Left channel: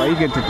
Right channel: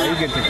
పైకి ఎత్తి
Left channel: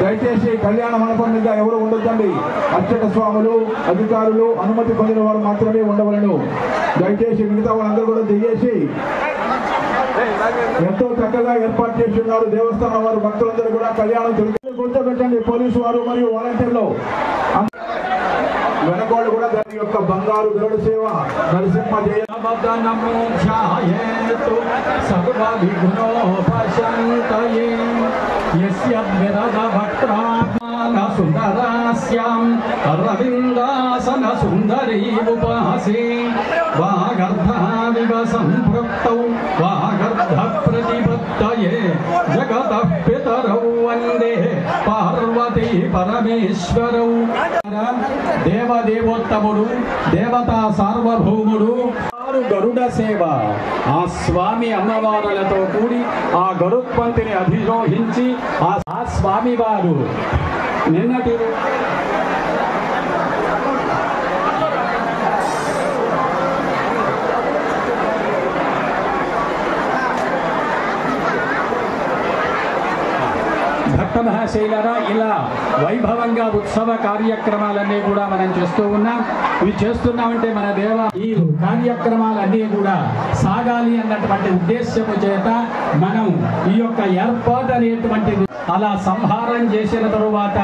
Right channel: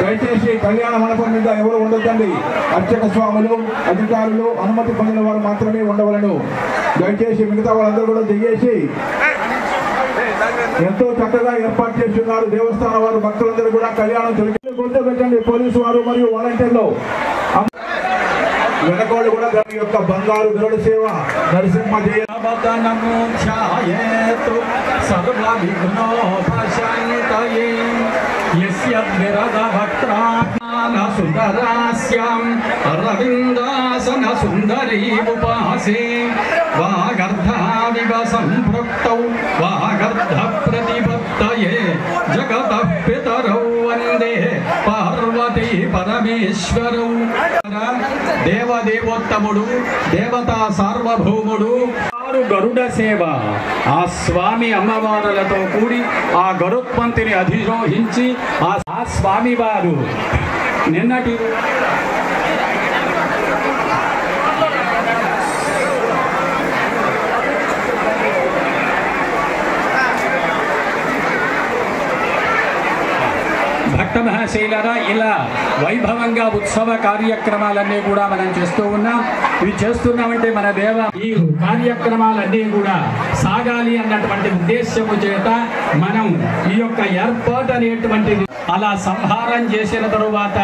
దయచేసి కళ్యాణ మండపం మీద ఎవరు ఉండొద్దండి. అర్చక స్వాములు, అధికారులు, అనుమతి పొందిన వారు మాత్రమే ఉండవలను. దయచేసి మిగతా వాళ్ళందరూ కూడా దిగేసి ఎంతో చక్కగా ఏర్పాటు చేస్తున్నారు దేవస్థానం వారు. భక్తులందరూ కూడా కళ్యాణం గుర్తుపెట్టండి. పోలీసు వారు మరియు వాలంటీర్లు వెనకాళ్ళు కూడా దాని యొక్క బంగారు గరుడ సేవ నరసింహ జయ అరవిందాసన సుందరీ ఉపాసే వాగర్ధావివ సంపృక్తౌ వాగర్ధ ప్రతిపత్తయే జగతః పితరౌ వందే పార్వతీ పరమేశ్వరౌ. దేవదేవోత్తముడు, దేవతా సార్వభౌముడు గరుడ సేవ. ఆ స్వామి అమ్మవారులతో కూడి ఆ గరుత్మంతుని అధిరోహించి ఆ స్వామి వారు నిన్నటి భక్త మహాశైలరా ఇలా వైభవంగా ఉత్సవ కార్యక్రమాలన్నీ కూడా మనం చేస్తూ ఉన్నాం. ఇవి చేస్తున్నామంటే మన ఈ కార్యక్రమాలన్నీ కూడా సాగాలి అన్నటువంటి ఉద్దేశ్యము చేత మనం ఈ యొక్క ఏర్పాటు అనేటువంటిది అలా సంహారం చేసిన తరువాత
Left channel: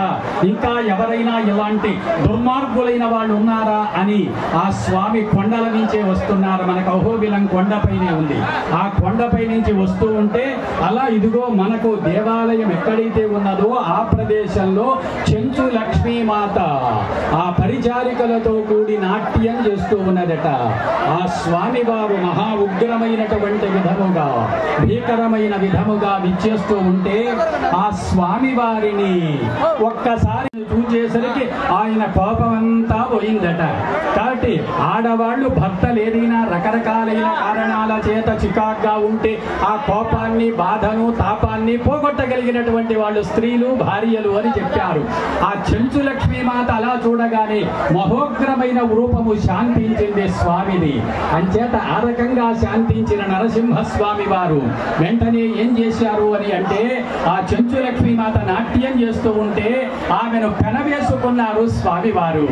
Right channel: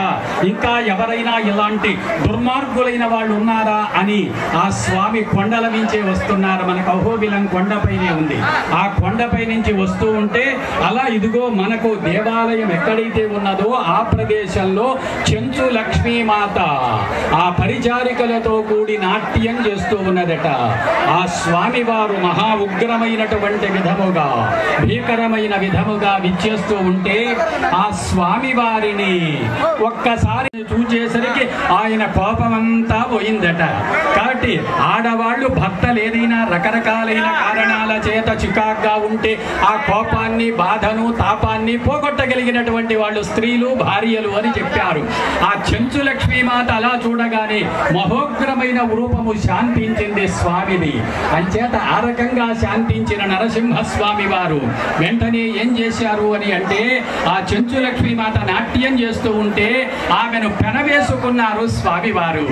ఇంకా ఎవరైనా ఇలాంటి దుర్మార్గులైన వాళ్ళు ఉన్నారా అని ఆ స్వామి కొండల నుంచే వస్తున్నారు. మనకు అహోబిలం కొండపైనే ఉంది. ఆ కొండపై నుంచి వస్తూ ఉంటే అలా ఇదిగో మనకు దేవాలయం ఎక్కడైతే ఉన్నదో ఆ ప్రదేశంలో చెంచు లక్ష్మీమాత ఆ పరిచారికలతో కూడి నాట్యం చేస్తూ ఉన్నదట. ఆ స్వామి వారు మహా ఉగ్రమైనటువంటి విధముగా, భీకరమైన విధముగా విచ్చేస్తూ ఉంటే ఆ స్వామి వారిని ఒక్కసారి చూచేసరికి ఆయన కోపమంతా పోయిందట. కాబట్టి ఆడవాళ్ళు భర్తలు ఏదైనా రకరకాలైన కారణాల చేత చికాగ్గా ఉంటే ఆ కోపాన్ని, బాధను, తాపాన్ని పోగొట్టగలిగినటువంటి వాళ్ళు స్త్రీలు, భార్యలు అని చెప్పారు. ఆ చెంచు లక్ష్మీమాత అలా చూడగానే మహోగ్రమైన రూపము శాంతించింది స్వామిది. అంచేత ఆ రకంగా శాంతించిన నరసింహస్వామి వారు వెంటనే ఏం చేశారు అని అంటే ఆ చెంచు లక్ష్మీమాత నాట్యం చేస్తూ ఉంటే ఆమెను పెనవేసుకున్నారు స్వామివారు.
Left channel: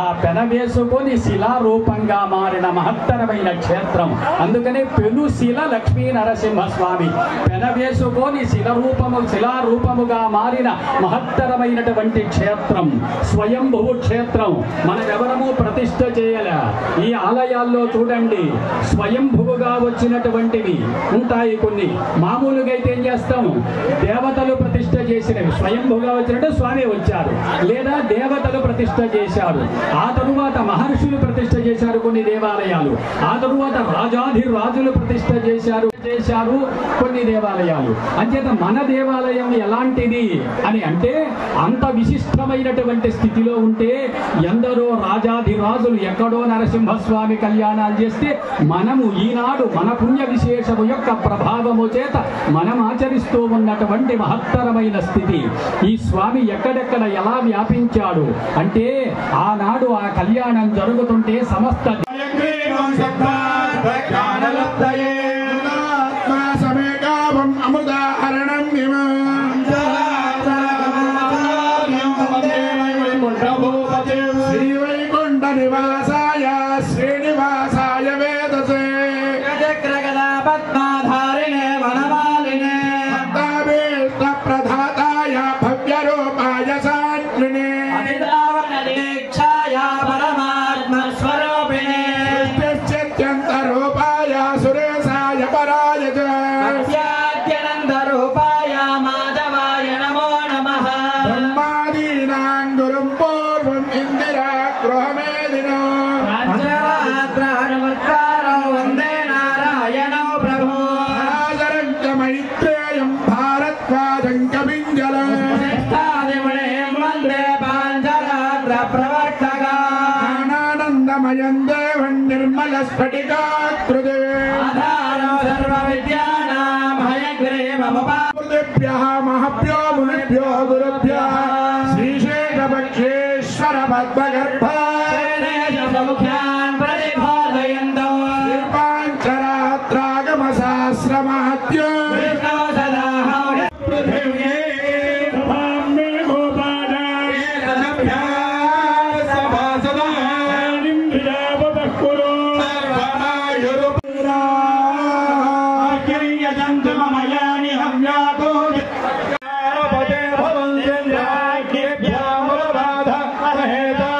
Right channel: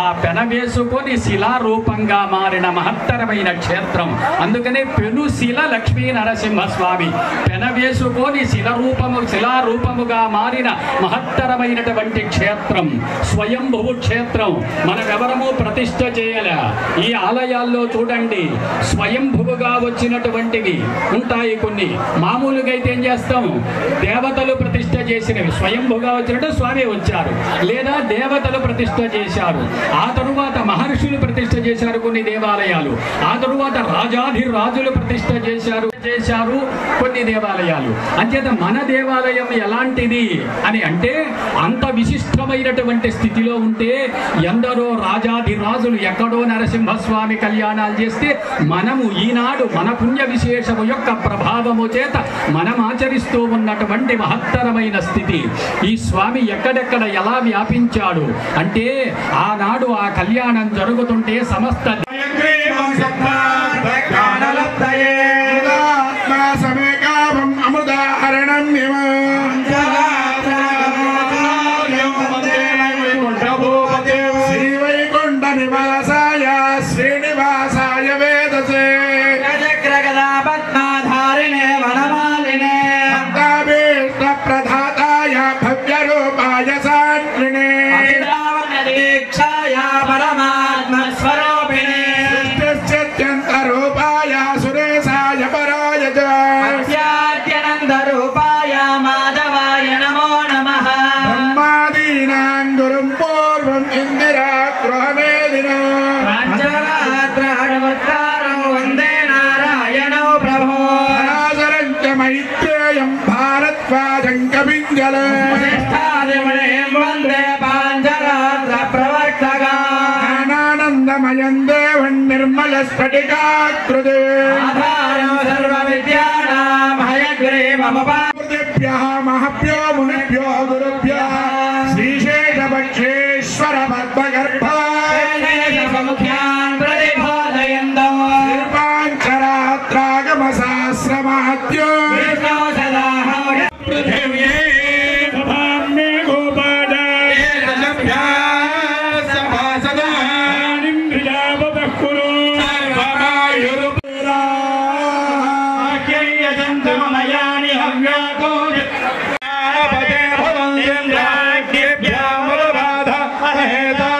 ఆ పెనవేసుకొని శిలారూపంగా మారిన మహత్తరమైన క్షేత్రం. అందుకనే పెనుశిల లక్ష్మీ నరసింహస్వామి పెనవేసుకొని శిలారూపముగా మారిన మహత్తరమైనటువంటి క్షేత్రం స్వయంభువు క్షేత్రం. మనం ఎవరము ప్రతిష్ఠ చేయాల. ఈ ఆలయాల్లో చూడండి స్వయంభువుగా వచ్చినటువంటివి ఉంటాయి. కొన్ని మామూలుగా అయితే ఏం చేస్తాం, దేవతలు ప్రతిష్ఠ చేసినవి. స్వయంభుగా వచ్చినట్టు స్వామి వచ్చారు, లేదా దేవతలు ప్రతిష్ఠ చేశారు. ఆ తరువాత మహర్షులు ప్రతిష్ఠ చేశారు కొన్ని దేవాలయాలు. ఆ తరువాత రాజాధిరాజులు ప్రతిష్ఠ చేశారు కొన్ని దేవాలయాలు. అంచేత మన దేవాలయం ఎలాంటిది అని అంటే అంత విశిష్టమైనటువంటి స్థితిలో ఉంటే ఎందరో రాజాధిరాజులు ఎక్కడో నరసింహస్వామి కళ్యాణాలు చేస్తే మనము ఈనాడు మన పుణ్య విశేషము యొక్క ప్రభావము చేత మనం ఆచరిస్తూ ఉన్నటువంటి మహత్తరమైన స్థితి. ఈ స్వామి ఎక్కడెక్కడ ఎలా వ్యాపించాడు అంటే ఆనాడు ఆ కళ్యాణం జరుగుతుంటే సమస్త निर्मल स्फटिकाकृते आधारं सर्वविद्यानां हयग्रीवमुपादेभ्यः महभ्यो मुनिभ्यो गुरुभ्यः श्रीशेषपक्षेश्वर पद्मगर्भान् प्रतिपादयन्तौ निर्माञ्चरात्रागमसहस्रमहत्यो पृथिव्ये सभाम्ये गोपादाय सभासदानिं प्रजापतः कुरु सर्वमायुरुपुराख्ययजन्तु मम यानि हव्याको पदे भवन्त्येभ्यामुपबाध अहेता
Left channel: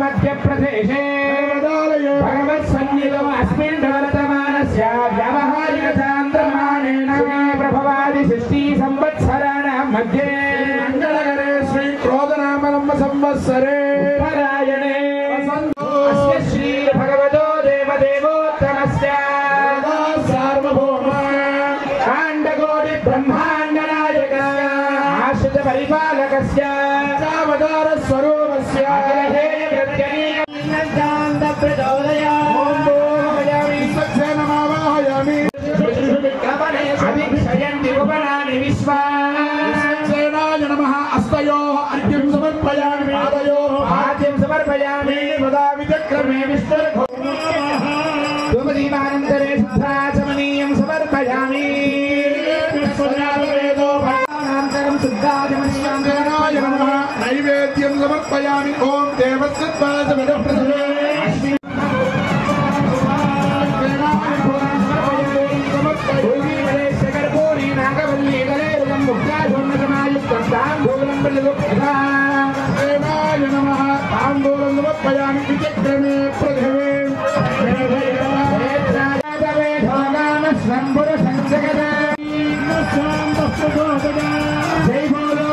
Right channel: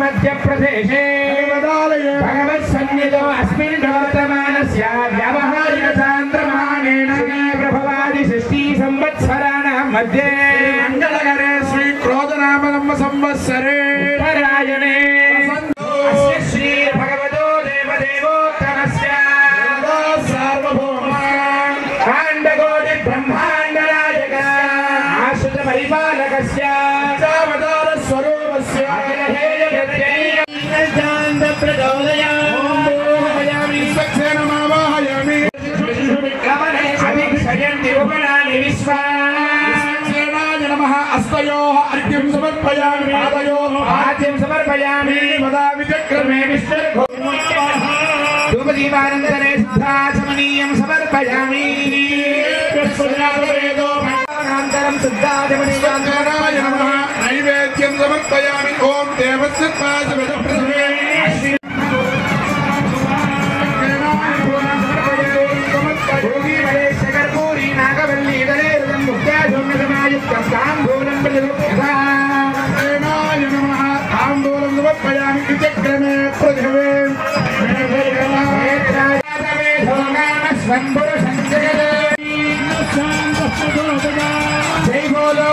मध्यप्रदेशे भगवत्सन्निधौ अस्मिन् वर्तमानस्य व्यावहारिक चान्द्रमानेन प्रभवादि 60 संवत्सराणां मध्ये मङ्गलकरे श्री क्रोधनाम संवत्सरे उत्तरायणे अस्य श्री भगवतो देवदेवोत्तमस्य सार्वभौम काण्डकोटि ब्रह्माण्डनायक आश्रित परिपालकस्य अवतार स्वरूपस्य अस्तयोः अर्घ्यं समर्पयामि पादयोः आद्यं समर्पयामि विचक्रमे धूमदीपानन्तरे सिद्धाचमनीयं समर्पयामि अनन्तरं सिद्धाचमनीयं नैवेद्यं समर्पयामि ॐ देवस्य पादवरप्रदमे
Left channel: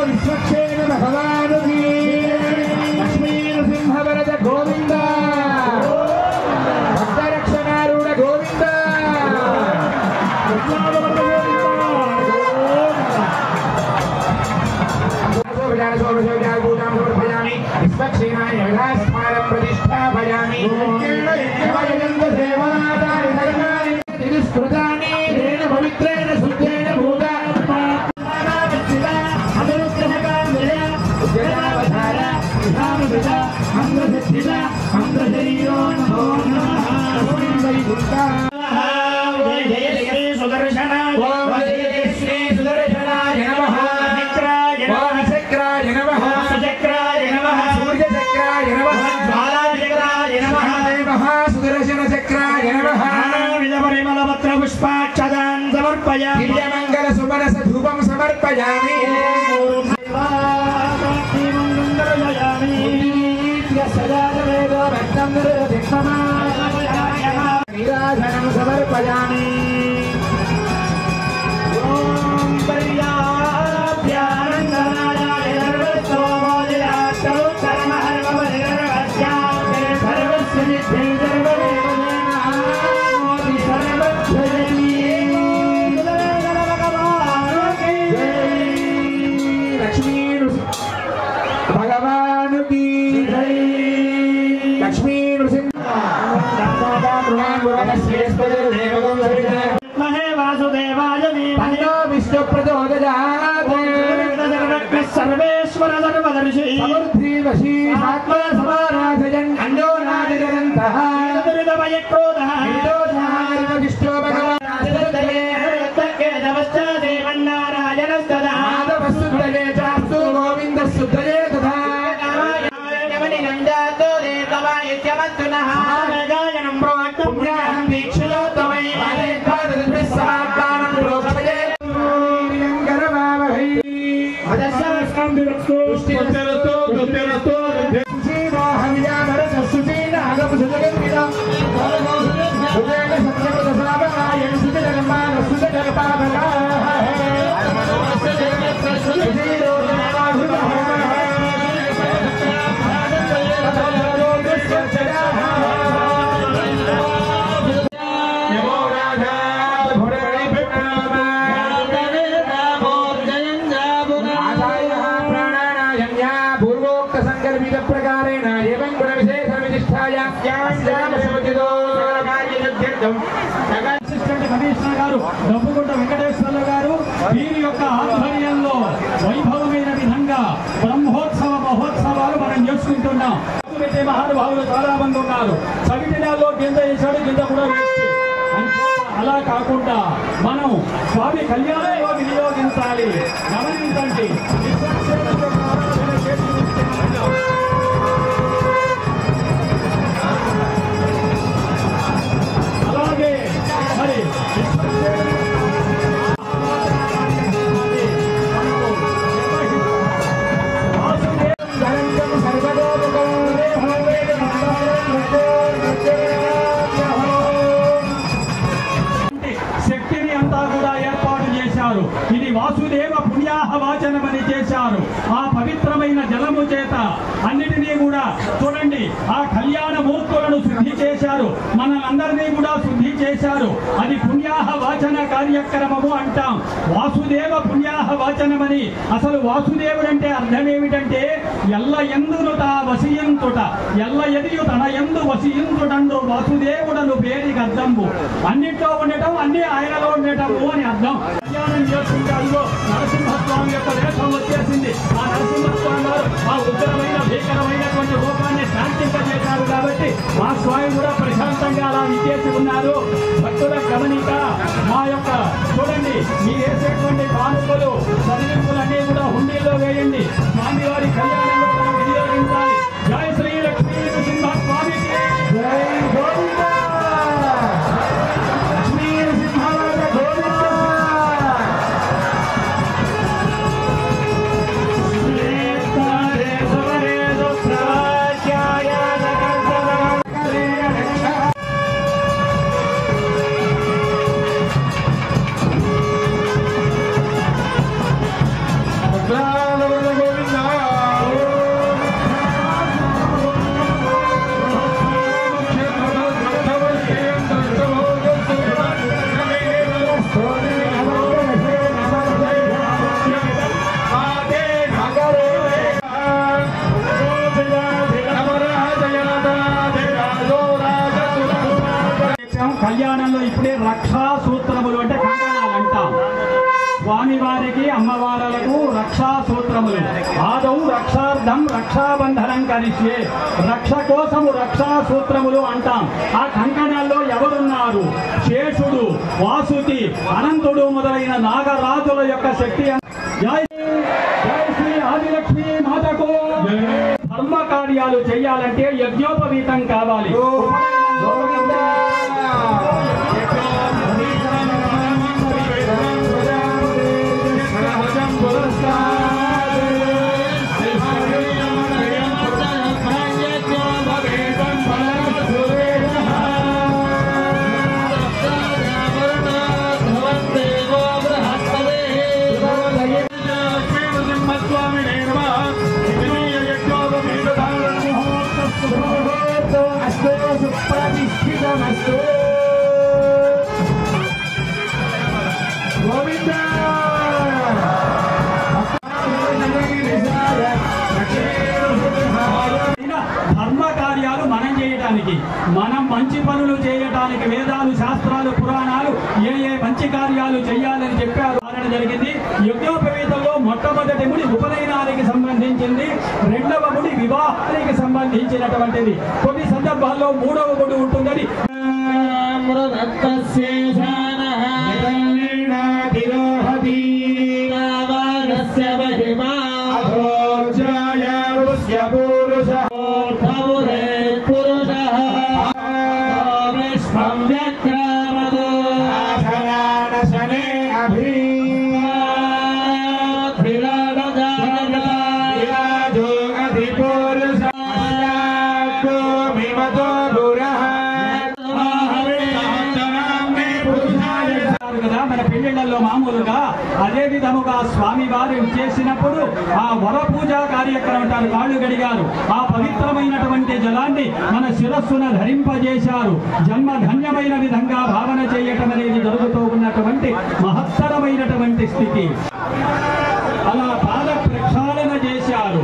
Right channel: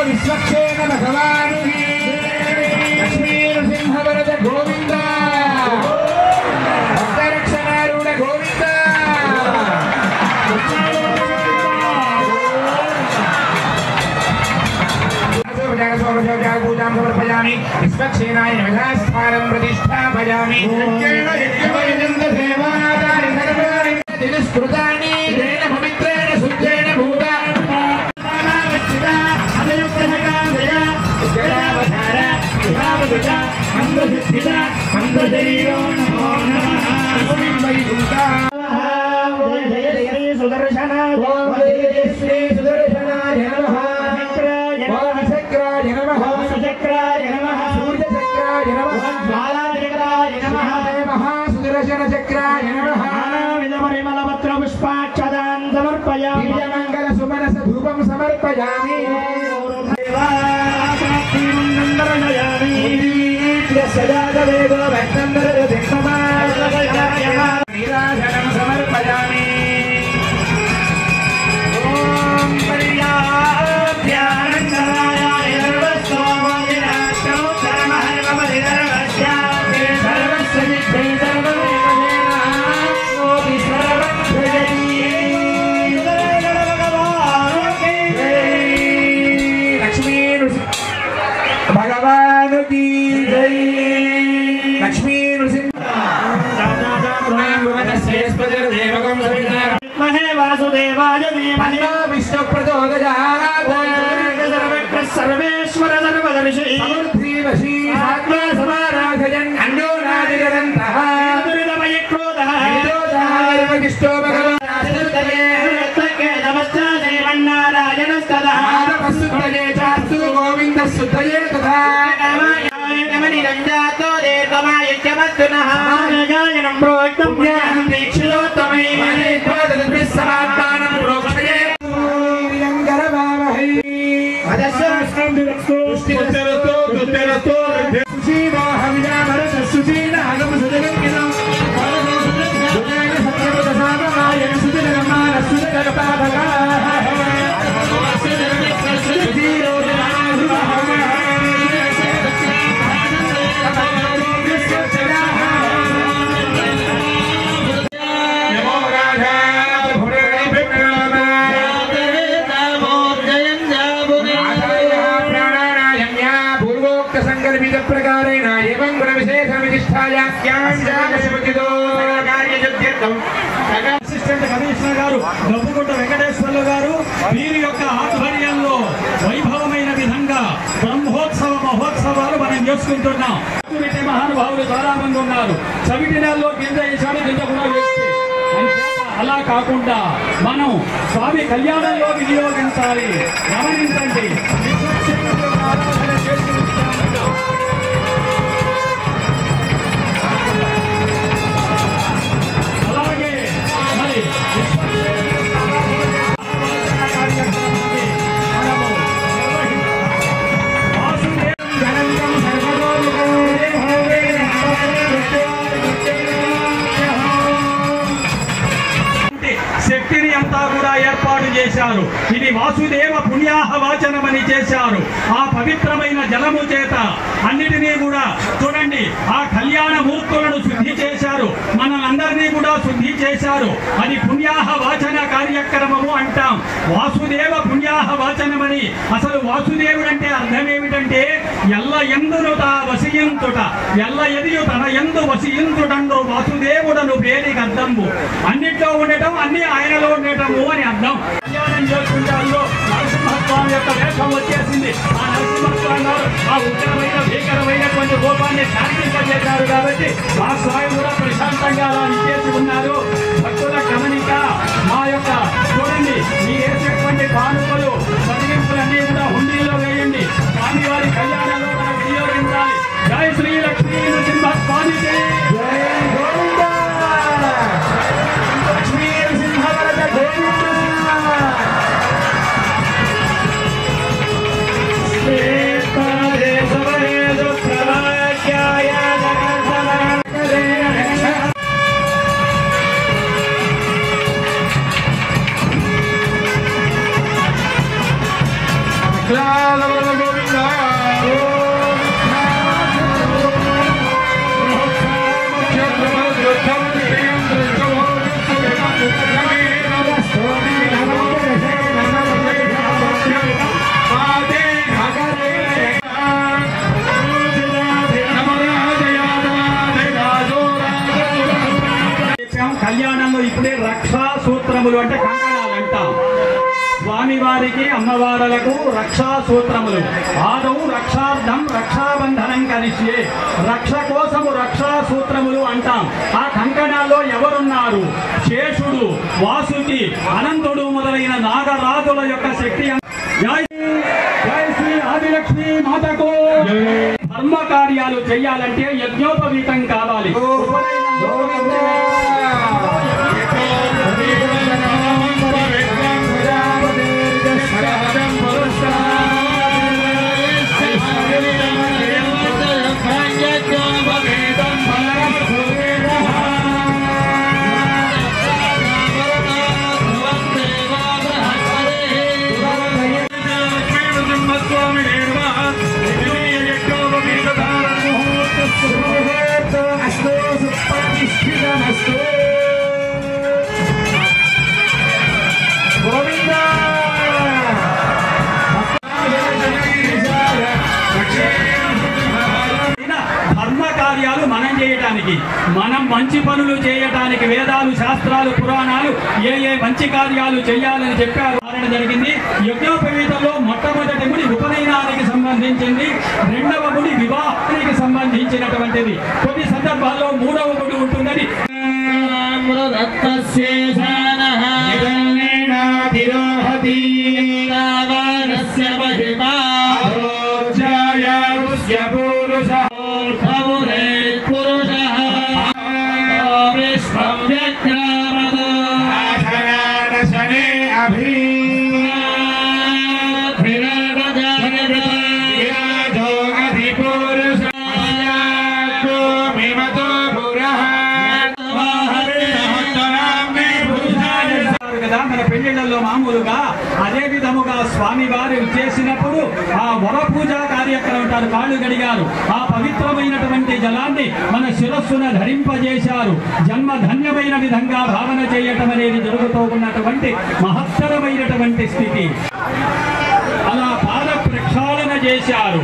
विश्वक्षेण भगवान् लक्ष्मी नृसिंह वरद गोविंद भक्तरक्षणारूढ गोविंद पूजां विश्वक्षेणाय नमस्कारं प्रतिष्ठापयामि तिरुस्कृतानि तेन पवित्रेण शुद्धेन भूता पुष्पाक्षदान् समर्पयामि मंगल सुमनस धूपं समर्पयामि सजातवेदो भक्तं नीराजनं समर्पयामि అసిస్టెంట్ కమిషనర్ గారు డబ్బుగుంట వెంకటేశ్వర్లు గారు వీరి యొక్క ఆధ్వర్యంలో వైభవమైన విధంగా బ్రహ్మోత్సవ మహోత్సవాలు మనం చేసుకుంటున్నాం. మహానుభావులు చాలా మంది ఉన్నారు. చవిటినాల్లో కింద వేసాడు, కింద కూడా వేస్తే అలా కాకుండా మనం స్వామి కళ్యాణంలో వినియోగించాలి. గమనించండి, ఆరాధన చేసుకుంటున్నాం. అలాగే మరి శక్తిని అంతా కూడా ఏర్పాటు చేశారు. ఇది వాసుదేవ పుణ్యాహవాచనమని చేశారు. ఆ పవిత్రమైన జలము చేత అన్నిటినీ కూడా చూడండి, ఆ కళ్యాణ మూర్తులను శుద్ధి చేశారు. మనలందరినీ కూడా శుద్ధి చేశారు. అది పుణ్యాహవాచన కార్యక్రమము అంటాం. వాసుదేవ పుణ్యాహవాచనమని. అసలు వాసుదేవుడు అంటే అర్థం ఏమిటంటే ఎల్ల ఎందును తా వసియంతుట, ఎల్ల ఎదియు తన ఎందు వసియంతుడండు వాసుదేవుడను పేరికి అర్థము. అన్నిట్లో ఉండటం, అన్ని ఆయనలో ఉండటము అని అర్థం. కళ్యాణం చేసుకుంటే అల్లో నరసింహస్వామి యొక్క వేషం వచ్చేసింది. ఆ నరసింహస్వామి గారు ఆ ఉగ్రమైన భీకరమైనటువంటి రూపాన్ని శాంతింపజేశారు కాబట్టి ఆ స్వామి కూడా ప్రశాంతంగా అలా నిచ్చేసి ఉన్నారు. భక్తుల గమనిక మా యొక్క చూడండి, మీ వేసేటువంటి కానుకలు చదివింపులన్నీ కూడా హుండీలో వేయండి. స్వామివారి కళ్యాణంలో మనం వినియోగించాలి. జై శ్రీ లక్ష్మీ నరసింహస్వామికి జై. కళ్యాణంలో ఇప్పుడే రక్షా సూత్రములు అంటే కంకణాలు అంటాం. స్వామివారికి అమ్మవారులకు రక్షా సూత్రములు. ఆదౌ రక్షార్థం రక్షాబంధనం కలిసి రక్ష కోసము రక్షా సూత్రములు అంటాం. ఆ కంకణాల్లో ఎవరున్నారు? శేషుడు, వాసుకి, అనంతుడు మొదలైన నాగరాజుల యొక్క శక్తి. జై జై శ్రీ ఆదిలక్ష్మి మాతకు. ధర్మ కార్యాలు చేయాలంటే యజ్ఞోపవీతం కావాలి. మనం మంచి పనులు చేయటానికి వేదాలు, శాస్త్రాలు, పురాణాలు ఏ మంచి కార్యాలు చేయాలని చెప్పారు జరిగింది. యజ్ఞోపవీతంలో మొట్టమొదటి ముడి ఉపనయనానికి సంబంధించింది, రెండవ ముడి వివాహానికి సంబంధించినటువంటిది. కొన్ని సందర్భాల్లో మూడవ ముడి ఉంటుందని మామూలుగా అదే విధముగా స్వామి వారు చేసినప్పుడు ఆ వర పూజా కార్యక్రమం కాళ్ళు గడిగారు. ఆ పవిత్రమైనటువంటి జలాన్ని మన శిరస్సున ధరింపజేశారు. జన్మ ధన్యమైన విధంగా భావన చేయటం అనేది జరుగుతూ ఉన్నటువంటి మహత్తరమైనటువంటి స్థితి. అలా పాద ప్రక్షాళన చేశారు.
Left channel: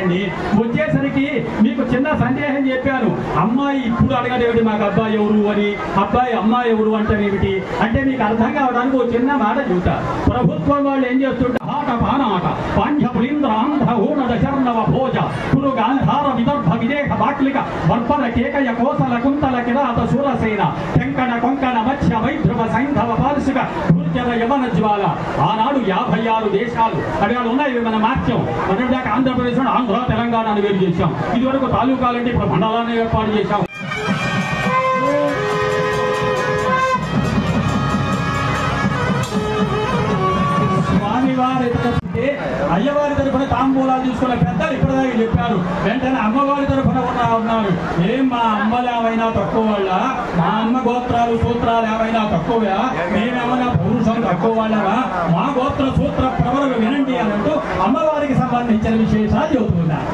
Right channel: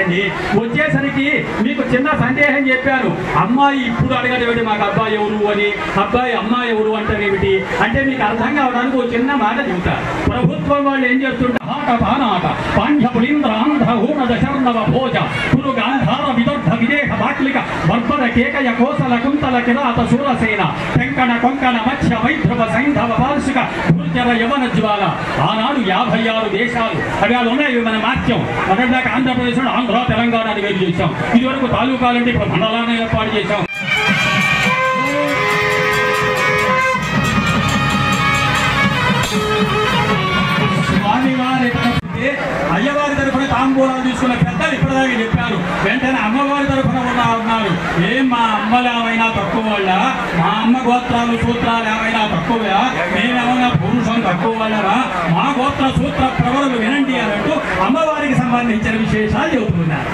వచ్చారండి. వచ్చేసరికి మీకు చిన్న సందేహం చెప్పాను. అమ్మాయి ఇప్పుడు అడగడేమిటి మాకు అబ్బాయి ఎవరు అని, అబ్బాయి అమ్మాయి ఎవరు అంటారేమిటి అంటే మీకు అర్థం కావడానికి ఒక చిన్న మాట చెబుతా. ప్రభుత్వం వాళ్ళు ఏం చేస్తుంటారు, పానాట పాండ్యపులింద్ర ఆంధ్ర ఊన దశర్ణవ భోజ కురు గాంధార విదర్భ విదేహ బాట్లిక వర్పద కేకయ కోసల కుంతల కిరాత శూరసేన తెంకణ కొంకణ మత్స్య వైధ్రువ సైంధవ పార్షిక భూజర యవన జ్వాల. ఆనాడు 56 దేశాలు అవి వాళ్ళు ఉన్నాయి. మన మార్చాం. మొదటిదాకా ఆంధ్రప్రదేశ్, ఆంధ్ర, తెలంగాణ అని వేరు చేశాం. ఇదివరకు తాలూకాలంటే ఇప్పుడు మండలాన్ని ఏర్పాటు చేశాం. స్వామివారి అయ్యవారి తరఫున తాంబూలాలు తీసుకున్న పెద్దలు ఇప్పటిదాకా చెప్పారు. వెంటనే అమ్మవారి తరఫున ఉన్నారు. ఏం మా అమ్మలేమైనా తక్కువ వాళ్ళ, మా అమ్మ గోత్రాలు సూత్రాలు ఏమైనా తక్కువ, మేమేమైనా పురుషులు తక్కువ వాళ్ళరా, మా గోత్ర సూత్ర ప్రవరులు వినండి అన్నట్టు అమ్మవారికి సంబంధించిన విశేషాలు చెబుతున్నారు.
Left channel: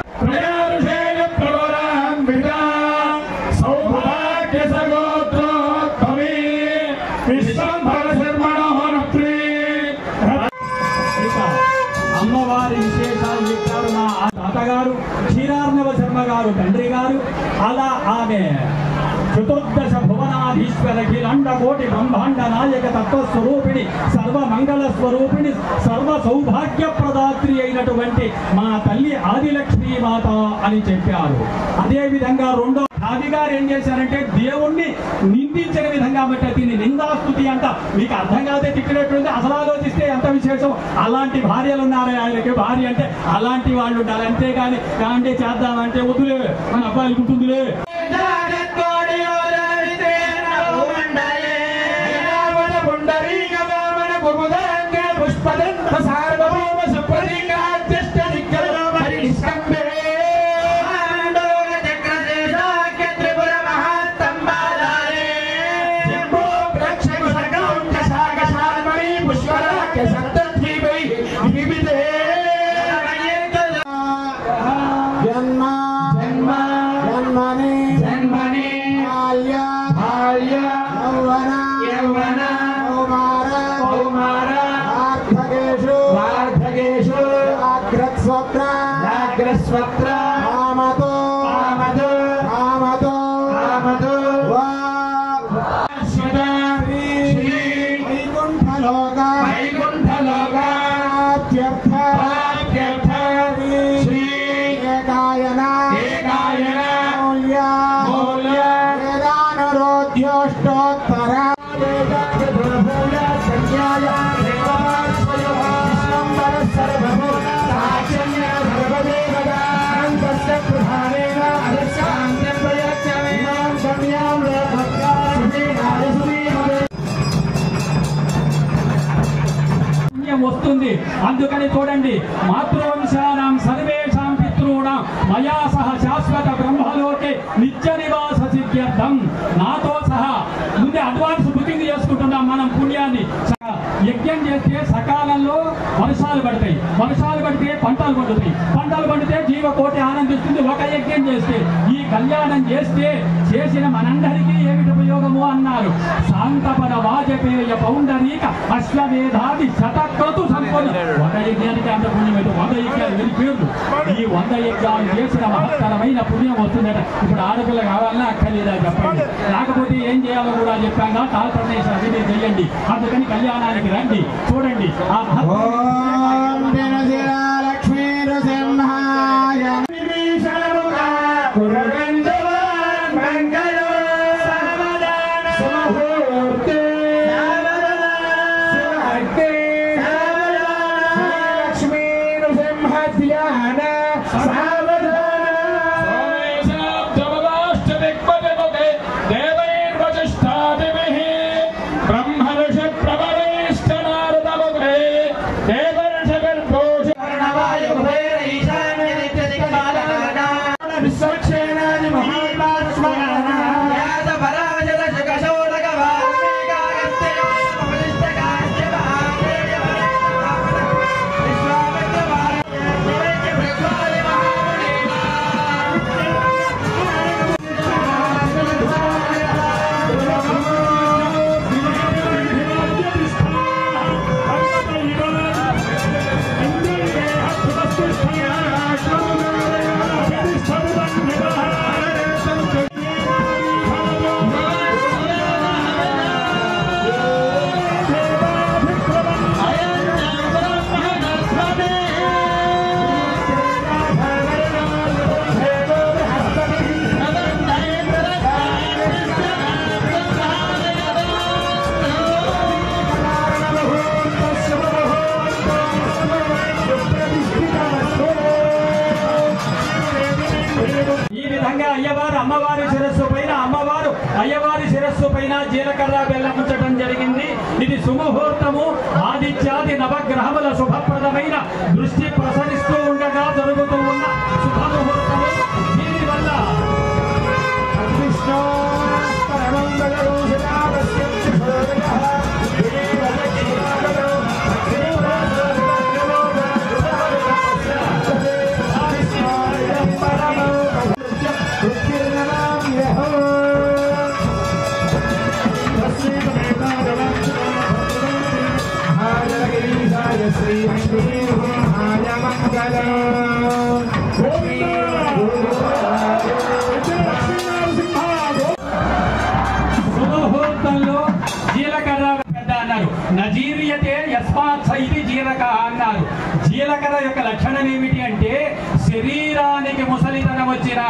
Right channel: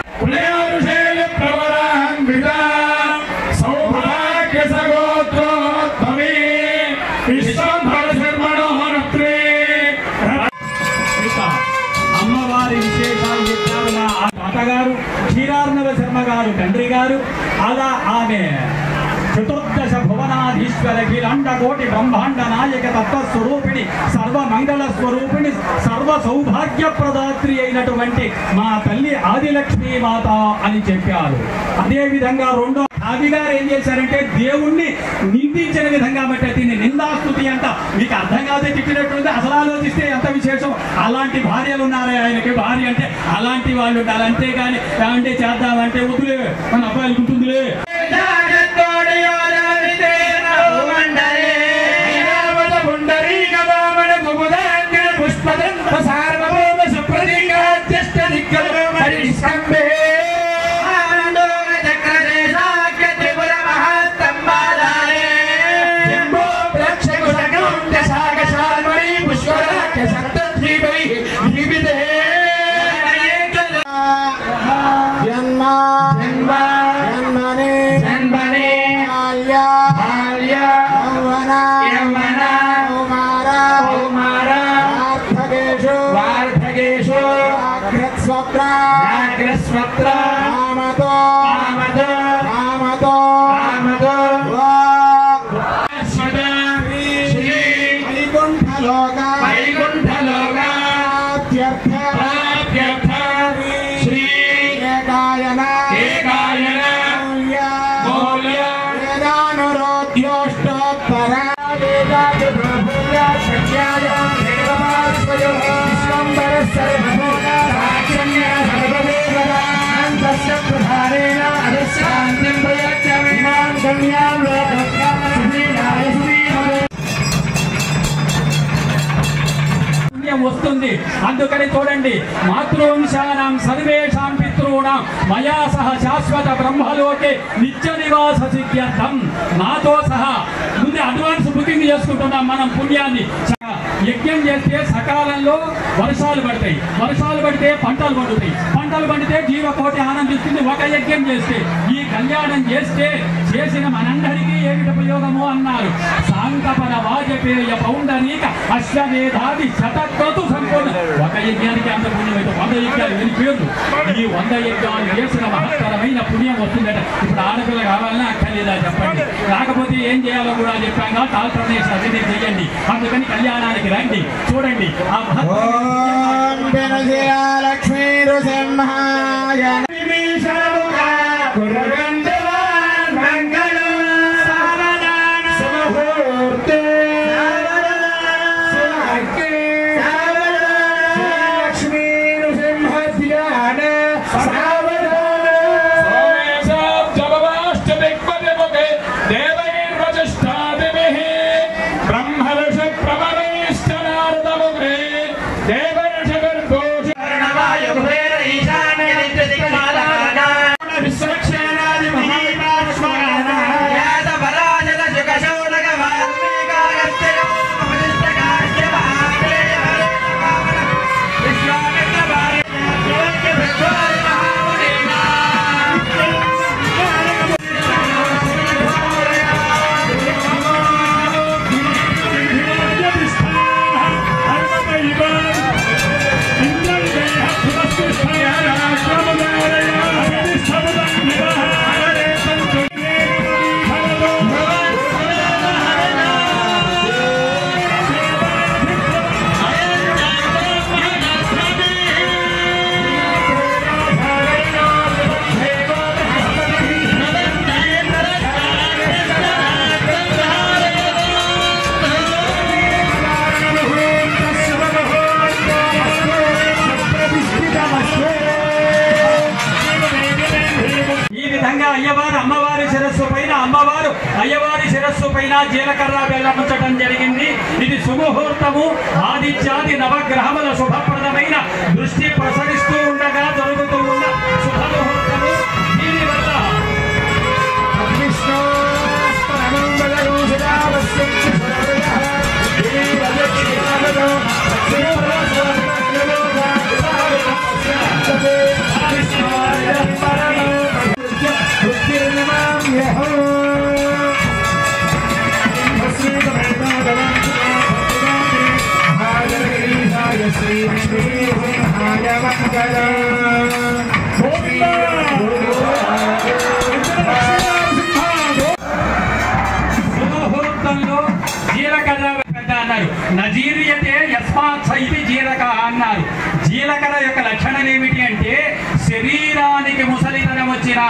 అమ్మవారి విశేషాలు చెప్పారు. మా తాతగారు క్షీరార్ణవ శర్మ గారు తండ్రి గారు. అలా ఆమె చతుర్దశ భువనాధీశ్వర కిలాండ కోటి బ్రహ్మాండ నాయక తత్వస్వరూపిణి సర్వమంగళ స్వరూపిణి సర్వ సౌభాగ్య ప్రదాత్రి అయినటువంటి మా తల్లి ఆదిలక్ష్మీ మాత అని చెప్పారు. అదేవిధంగా రెండో ఆది గారు ఏం చేశారంటే దేవుణ్ణి నిందించిన విధంగా బట్టి దీన్ని నిందాస్తుతి అంట. మీకు అర్థం కాదే తిట్టినట్టుంది. అసలు ఆలోచిస్తే ఎంత విశేషం. అలాంటి భార్యలు ఉన్నారే ఆయనకి. భార్య అంటే అలాంటి వాళ్ళు ఉండాలి. అంతేగాని ఏమంటే చేద్దామంటే వద్దులే మన అబ్బాయికి ఉంటుందిలే. వస్తుంది. అందుకని చూడండి, మాతృవంశానాం సర్వేషాం పితॄణాం మయా సహ శాశ్వత బ్రహ్మలోకే నిత్య నివాస సిద్ధ్యర్థం. నాతో సహా ముందే అడ్వాన్స్ బుకింగ్ చేసుకుంటున్నాం మనం పుణ్యాన్ని. యజ్ఞం చేస్తే సకాలంలో వర్షాలు పడతాయి, వర్షాలు పడితే పంటలు పండుతాయి, పంటలు పండితే జీవకోటి ఆనందిస్తుంది. ఒక యజ్ఞం చేస్తే, ఈ కళ్యాణం చేస్తే చేసిన మనందరికీ ఏమిటి ఉపయోగము అన్నారు. శాంతపద వాజపేయ పౌండరీక అశ్వమేధాది శతక్రతు సంపూర్ణ. ఒక యజ్ఞానికి అంత పుణ్యం అయితే 100 యజ్ఞాలు వెళ్ళి పేర్లు. ఈ 100 యజ్ఞాలు చేసిన మహత్తరమైన పుణ్యం వస్తుందట. ఇప్పుడు ఆడపిల్ల కావాలన్నా అక్కర్లేదా చెప్పండి. రాకపోతే ఏం చేయాలో కూడా చెప్పాను. తాల్ప్రదేశ్ అదే చేయండి. అందుకని కళ్యాణానికి రండి. చూడండి ఆ లక్ష్మీ నృసింహాయ అమ్మవారి శిరస్సు పైన అమ్మవారు అయ్యవారి శిరస్సు పైన జీలకర్ర బెల్లం ఉంచడం జరిగింది. ఇది సుముహూర్తము. ఆదిత్యాది నవగ్రహముల శుభప్రదమైన దృష్టి ప్రసరిస్తూ ఉండగా జరుగుతూ ఉన్న శుభముహూర్తము. దీనివల్ల నజీరియతే యస్మాత్ సైతి జీరక అన్నారు. జీలకర్ర యొక్క లక్షణం ఏమిటి అంటే శరీరానికి ముసలితనం వచ్చిన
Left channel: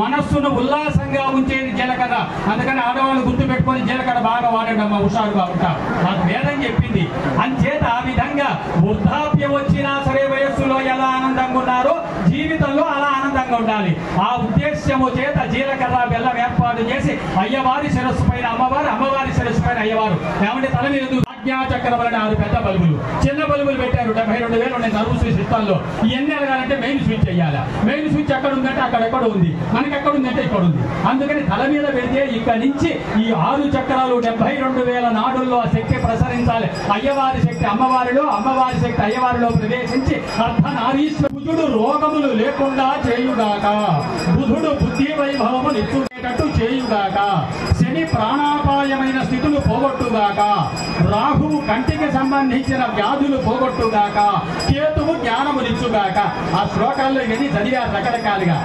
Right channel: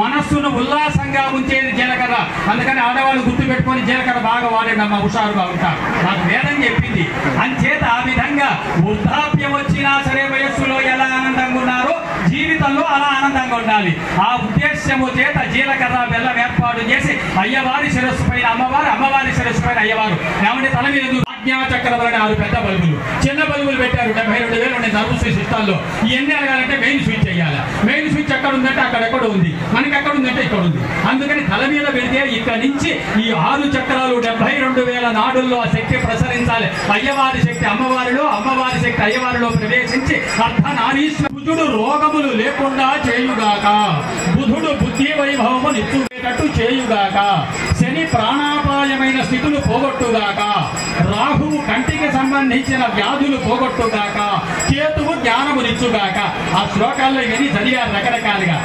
మనస్సును ఉల్లాసంగా ఉంచేది జీలకర్ర. అందుకని ఆడవాళ్ళు గుర్తు పెట్టుకొని జీలకర్ర బాగా వాడేనమ్మ, హుషారుగా ఉంటారు. నాకు వేదం చెప్పింది. అంచేత ఆ విధంగా వృద్ధాప్యం వచ్చినా సరే వయస్సులో ఎలా ఆనందంగా ఉన్నారో జీవితంలో అలా ఆనందంగా ఉండాలి. ఆ ఉద్దేశ్యము చేత జీలకర్ర బెల్లం ఏర్పాటు చేసి అయ్యవారి శిరస్సు పైన అమ్మవారు, అమ్మవారి శిరస్సు పైన అయ్యవారు. ఏమంటే తల మీద చక్రవర్ణ 6 పెద్ద బల్బులు, చిన్న బల్బులు పెట్టారు. 72,000 ఉన్నాయి నర్వ్ సిస్టంలో. ఇవన్నీ అడగాలంటే మెయిన్ స్విచ్ చేయాలి. మెయిన్ స్విచ్ ఎక్కడ ఉందంటే అక్కడెక్కడ ఉంది, మనకి ఎక్కడ ఉందంటే ఇక్కడ ఉంది. అందుకని తల మీద పెడితే ఇక్కడి నుంచి ఈ 6 చక్రాలు 72,000 నాడుల్లో ఆ శక్తి ప్రసరించాలి. అయ్యవారి శక్తి అమ్మవారిలో, అమ్మవారి శక్తి అయ్యవారిలో ప్రవేశించి అర్ధనారీశ్వరుడు రోగములు లేకుండా చేయుగాక, బుధుడు బుద్ధి వైభవము నిచ్చుకునేటట్టు చేయుగాక, శని ప్రాణాపాయమైన స్థితులు పోగొట్టుగాక, రాహువు కంటికి సంబంధించిన వ్యాధులు పోగొట్టుగాక, కేతువు జ్ఞానమునిచ్చుగాక. ఆ శ్లోకాల్లో ఇవన్నీ చదివారు రకరకాలుగా.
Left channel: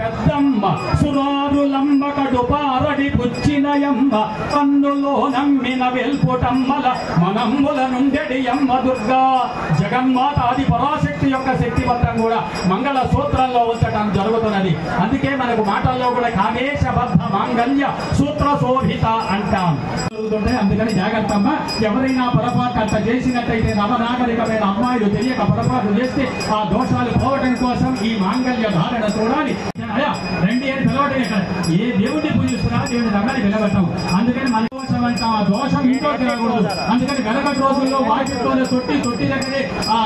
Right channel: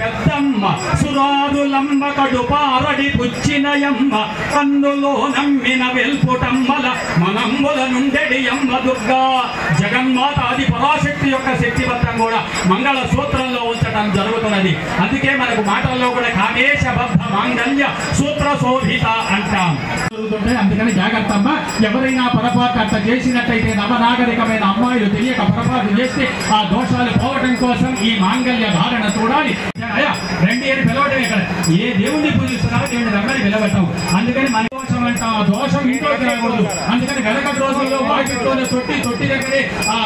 పెద్దమ్మ సురారులంబ కడుపారడి పుచ్చినయమ్మ కన్నులో నమ్మిన వెల్పుటమ్మల మనమ్ముల నుండెడి అమ్మ దుర్గా. జగన్మాత ఆది పరాశక్తి యొక్క శక్తివంతం కూడా మంగళ సూత్రంలో ఉంచడం జరుగుతున్నది. అందుకే మనకు మాటల్లో కూడా కామేశబద్ధ మాంగళ్య సూత్ర శోభిత అంటాం. అందుకని జాగ్రత్త అమ్మ. ఎవరైనా పొరపాటు అట్లా చేసినట్టయితే నవనాగరికమైన అమ్మాయిలు తెలియక పొరపాటు చేస్తే ఆ దోషాలు పోవడం కోసం ఈ మాంగళ్య ధారణ చూడాలి. రెండు ఏడు పిలవటం ఇక్కడ ఏ దేవుడిని పూజిస్తున్నారో దేవుడిని రమ్మని పిలవటం. అందుకని మన దోషం అంటాం. ఆ దోషం ఇంట్లోకి రాకూడదు. అందుకని వెనక రోజుల్లో వాకిట్లోనే తొట్టి దగ్గరే ఆ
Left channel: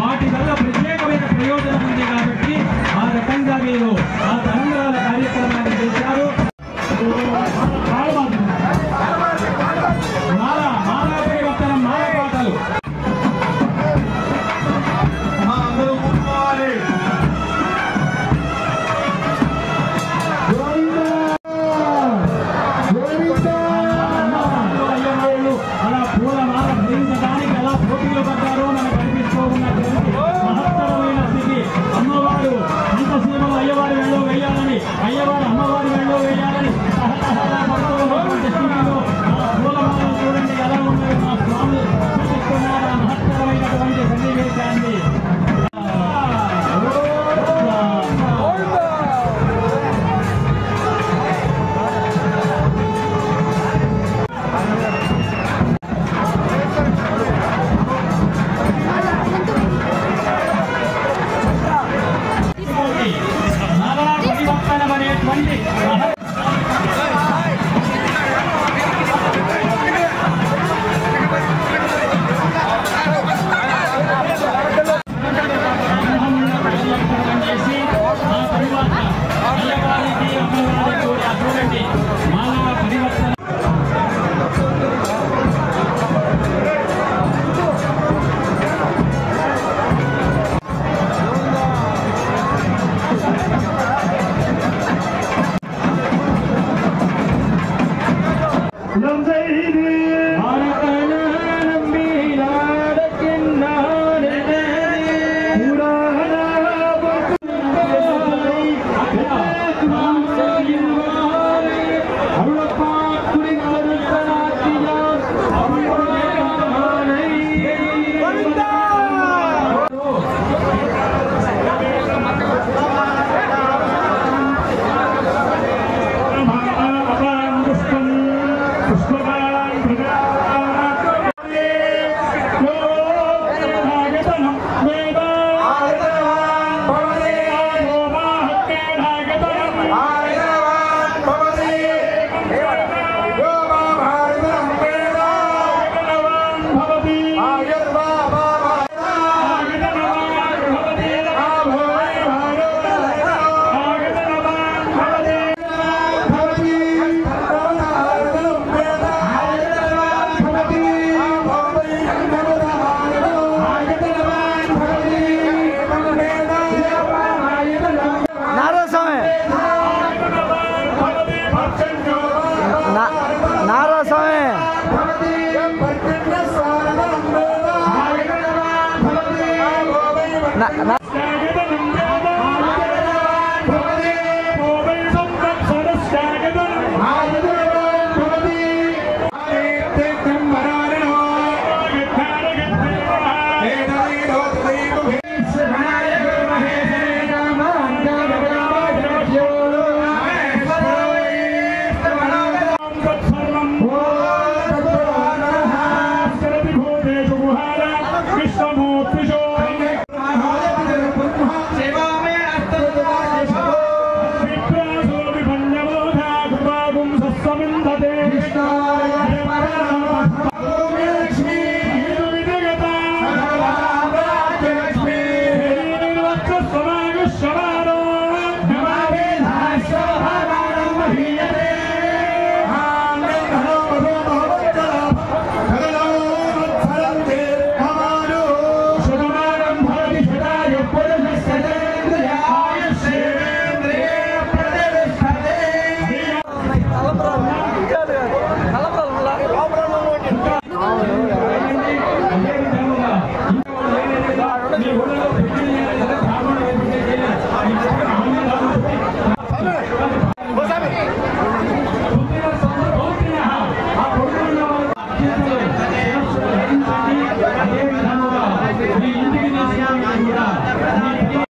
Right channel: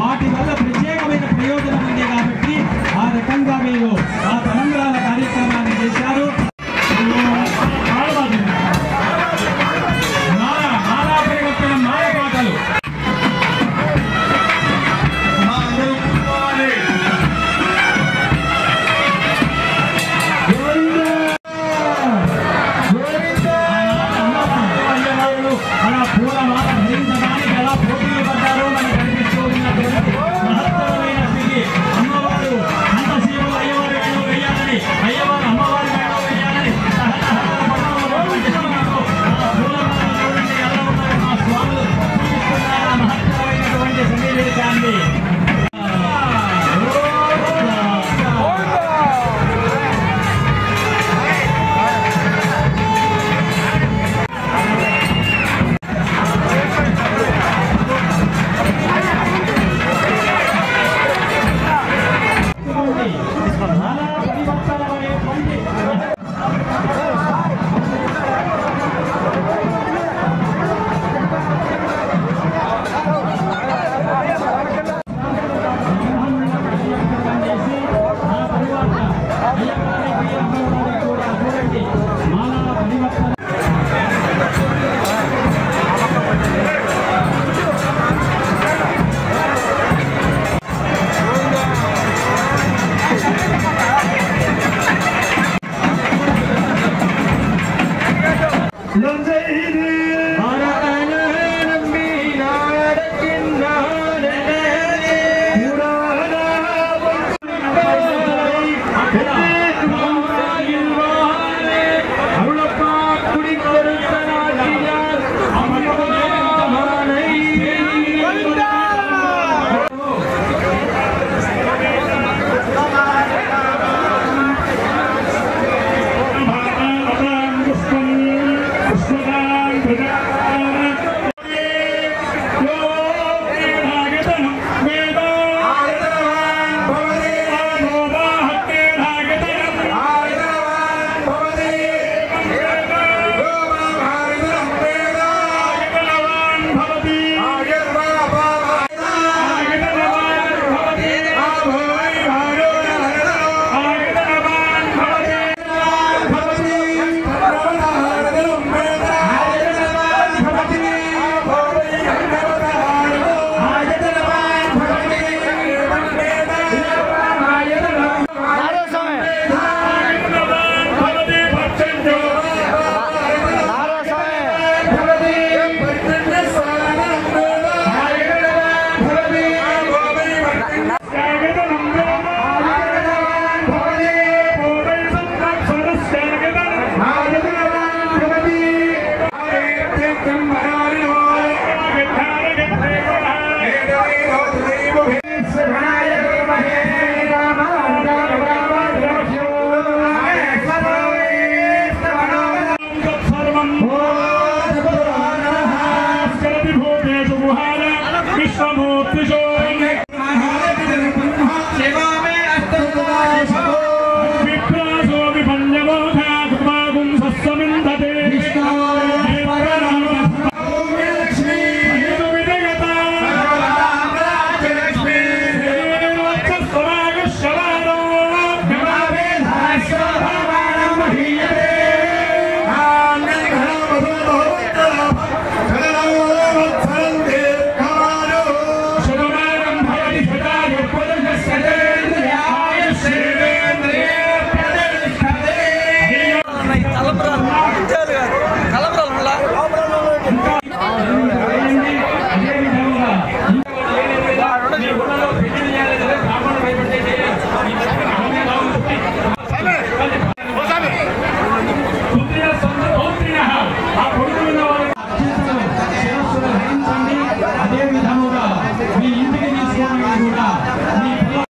వాటి వల్ల ప్రత్యేకమైన ప్రయోజనం ఉంది కాబట్టి ఆ రకంగా మీరు ఆ తలంబ్రాల కార్యక్రమం